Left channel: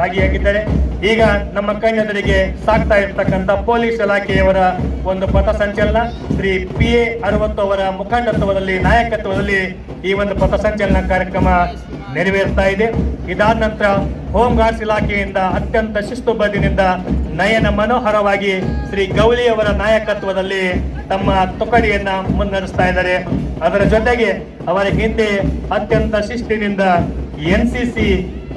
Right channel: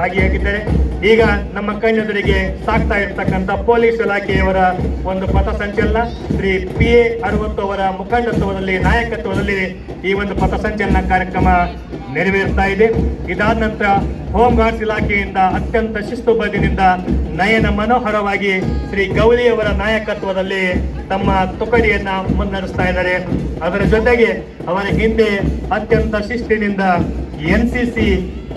ಭಾಗಿಯಾಗಿದ್ದಾರೆ. ಈಗ ನಮ್ಮ ಕಣ್ಣೆದುರಿಗೆ ಸಾಕ್ತಾ ಇರ್ತಕ್ಕಂಥ ಪೊಲೀಸ್ ಇಲಾಖೆಯವರ ಒಂದು ಪಥಸಂಚಲನ ಶ್ರೀ PA 60 ಅವರ ಮುಖಂಡತ್ವದಲ್ಲಿ ನಾಯಕತ್ವದಲ್ಲಿ ಈ ಒಂದು ಪಥಸಂಚಲನ ಕಾರ್ಯಕ್ರಮ ನೆರವೇರ್ತಾ ಇದೆ. ಇದಾದ ನಂತರ ಹೋಮ್ ಗಾರ್ಡ್ಸ್ ಇಲಾಖೆಯಿಂದ ಅತ್ಯಂತ ಶಿಸ್ತುಬದ್ಧಿನಿಂದ ನಯನ ಮನೋಹರವಾಗಿ ಶ್ರೀ ಗೌಲಿಯವರ ನಾಯಕತ್ವದಲ್ಲಿ ತಮ್ಮ ತುಕಡಿಯನ್ನ ಮುನ್ನಡೆಸ್ತಾ ಇದ್ದಾರೆ. ಅದರ ಜೊತೆಗೆ ಅವರ ಹಿಂದೆ ಅತ್ಯಂತ ಶಿಸ್ತಿನಿಂದ NCC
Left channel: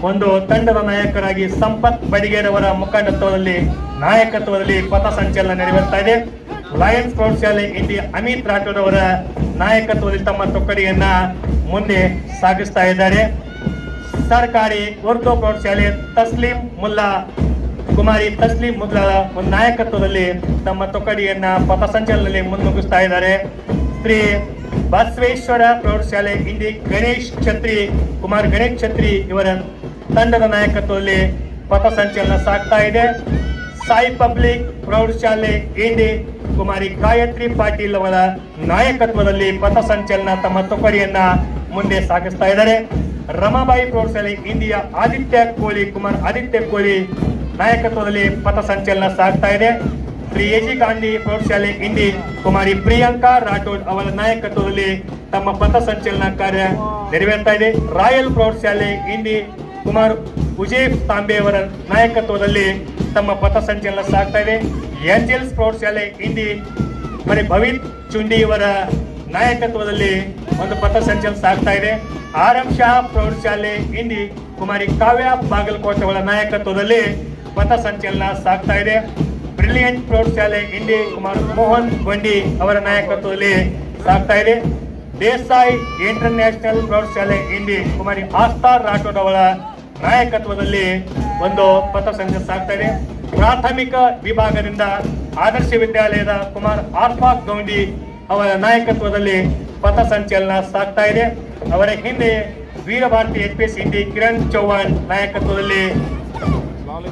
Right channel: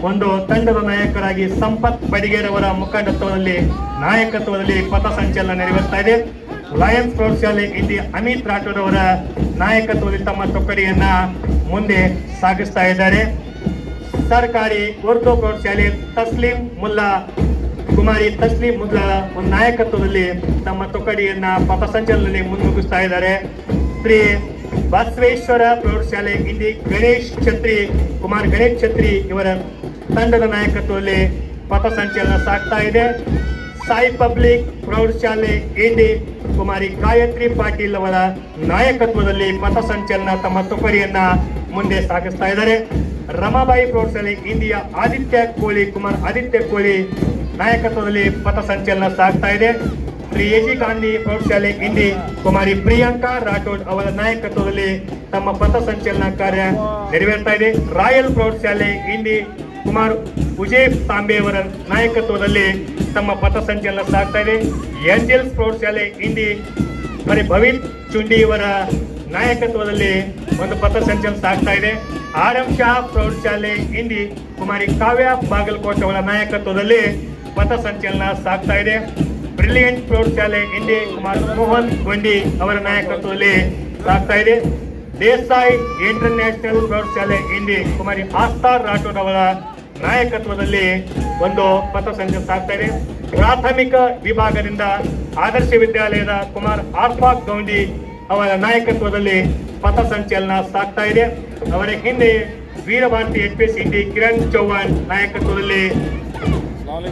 ಒಂದು ತಂಡದ ನಾಯಕರಾಗಿ ಸಂಪತ್ ಬಡಿಗೇರವರ ಮುಖಂಡತ್ವದಲ್ಲಿ ನಾಯಕತ್ವದಲ್ಲಿ ಪಥಸಂಚಲನ ನೆರವೇರ್ತಾ ಇದೆ. ಲಯನ್ಸ್ ಪ್ರೌಢಶಾಲೆ ಇಂಡಿಯಾ ಅಮಿತ್ ರಾಠೋಡ್ ಅವರ ನಾಯಕತ್ವದಲ್ಲಿ ತಮ್ಮ ತುಕಡಿಯನ್ನ ಮುಂದೆ ಸಾಗಿಸ್ತಾ ಇದ್ದಾರೆ. ಸರ್ಕಾರಿ ಉರ್ದು ಪ್ರೌಢಶಾಲೆ ಕುಮಾರಿ ತಸ್ಲೀಂ ಮುಲ್ಲಾ ಒಂದು ನಾಯಕತ್ವದಲ್ಲಿ ತಮ್ಮ ತುಕಡಿಯನ್ನ ಪಥಸಂಚಲನದಲ್ಲಿ ಮುನ್ನುಗ್ಗಿಸ್ತಾ ಇದ್ದಾರೆ. ಶ್ರೀ ಬಸವೇಶ್ವರ ಪ್ರೌಢಶಾಲೆ ಇಂಡಿ ಕುಮಾರ್ ಗಣೇಶ್ ಛತ್ರಿ ಇವರ ತಂಡದ ನಾಯಕತ್ವದಲ್ಲಿ ಪಥಸಂಚಲನ ಸಾಗ್ತಾ ಇದೆ. ಸಾಯಿ ಪಬ್ಲಿಕ್ ಪ್ರೌಢಶಾಲೆ ಇಂಡಿ ಕುಮಾರಿ ಗಾಯತ್ರಿ ಪಾಟೀಲ್ ಅವರ ನಾಯಕತ್ವದಲ್ಲಿ ಪಥಸಂಚಲನ ತಮ್ಮ ತುಕಡಿಯನ್ನ ಮುಂದೆ ಸಾಗಿಸ್ತಾ ಇದ್ದಾರೆ. ರಮಾಬಾಯಿ ಪ್ರೌಢಶಾಲೆ ಇಂಡಿಯಾ ಕುಮಾರ್ ಆದಿತ್ಯ ಕೋಳಿ ನಾಯಕತ್ವದಲ್ಲಿ ಪಥಸಂಚಲನ ಸಾಗ್ತಾ ಇದೆ. ಶ್ರೀ AG ಗಾಂಧಿ ಪ್ರೌಢಶಾಲೆ ಇಂಡಿ ಕುಮಾರಿ ಪ್ರಿಯಾಂಕಾ ರಾಠೋಡ್ ಅವರ ನಾಯಕತ್ವದಲ್ಲಿ ತಮ್ಮ ಪಥಸಂಚಲನ ಕಾರ್ಯ ನೆರವೇರ್ತಾ ಇದೆ. ರಾಯಲ್ ಪ್ರೌಢಶಾಲೆ ಇಂಡಿ ಕುಮಾರ್ ಉಜೇಫ್ ತಾಂಬೆ ಅವರ ನಾಯಕತ್ವದಲ್ಲಿ ತಮ್ಮ ಪಥಸಂಚಲನ ಸಾಗ್ತಾ ಇದೆ. ಏಂಜಲ್ಸ್ ಪ್ರೌಢಶಾಲೆ ಇಂಡಿ ಭವಿತ್ ಚುಂಡಿ ಇವರ ನಾಯಕತ್ವದಲ್ಲಿ ಒಂದು ಪಥಸಂಚಲನ ಸಾಗ್ತಾ ಇದೆ. RM ಶಾ ಪ್ರೌಢಶಾಲೆ ಇಂಡಿ ಕುಮಾರಿ ಕಾವ್ಯ ಬಾಗಲಕೋಟೆ ಅವರ ನಾಯಕತ್ವದಲ್ಲಿ ಪಥಸಂಚಲನ ಸಾಗ್ತಾ ಇದೆ. ಬ್ರಿಲಿಯಂಟ್ ಪ್ರೌಢಶಾಲೆ ಇಂಡಿ ಕುಮಾರ್ ಮೋಹನ್ ಗೊಂಡಿ ಅವರ ನಾಯಕತ್ವದಲ್ಲಿ ಸಾಗ್ತಾ ಇದೆ. ದೇಸಾಯಿ ಇಂಟರ್ನ್ಯಾಷನಲ್ ಪ್ರೌಢಶಾಲೆ ಇಂಡಿ ಕುಮಾರಿ ಆಸ್ಥಾ ರಾಠೋಡ್ ಅವರ ನಾಯಕತ್ವದಲ್ಲಿ ಒಂದು ಪಥಸಂಚಲನ ಸಾಗ್ತಾ ಇದೆ. ಪ್ರಾಥಮಿಕ ವಿಭಾಗದಿಂದ ಆದರ್ಶ ವಿದ್ಯಾಲಯದ ಕುಮಾರ್ ಆರ್ಫಾಕ್ ಗೌಂಡಿ ಅವರ ನಾಯಕತ್ವದಲ್ಲಿ ಪಥಸಂಚಲನ ಸಾಗ್ತಾ ಇದೆ. ಅವರ ಹಿಂದೆ ವೀರಭಾರತಿ HPS ಇಂಡಿ ಕಿರಣ್ ಚೌಹಾಣ್ ನಾಯಕತ್ವದಲ್ಲಿ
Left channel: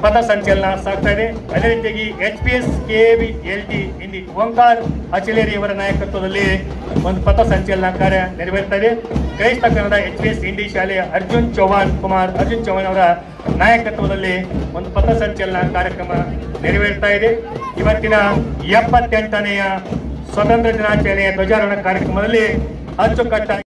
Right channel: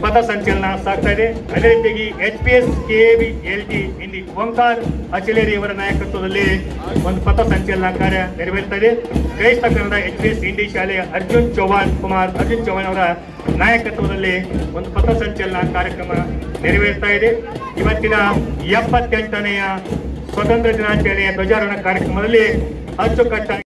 ಪಥಸಂಚಲನ ಸಾಗ್ತಾ ಇದೆ. ಅದೇ ರೀತಿಯಾಗಿ HPS KVLT ಇಂಡಿ ಓಂಕಾರ್ ಅಚಲೇರಿ ಅವರ ನಾಯಕತ್ವದಲ್ಲಿ ಒಂದು ಪಥಸಂಚಲನ ಕಾರ್ಯ ನೆರವೇರ್ತಾ ಇದೆ. ಕ್ರೈಸ್ತ ಕನ್ನಡ HPS ಇಂಡಿ ಶಾಲೆಯ ಅರ್ಜುನ್ ಚೌಹಾಣ್ ಅವರ ನಾಯಕತ್ವದಲ್ಲಿ ಒಂದು ಪಥಸಂಚಲನ ಕಾರ್ಯಕ್ರಮ ನೆರವೇರ್ತಾ ಇದೆ. ಇವತ್ತಿನ 78ನೆಯ ಸ್ವತಂತ್ರ ದಿನಾಚರಣೆಯ ಧ್ವಜಾರೋಹಣ ಕಾರ್ಯಕ್ರಮದಲ್ಲಿ ಅಚ್ಚುಕಟ್ಟಾಗಿ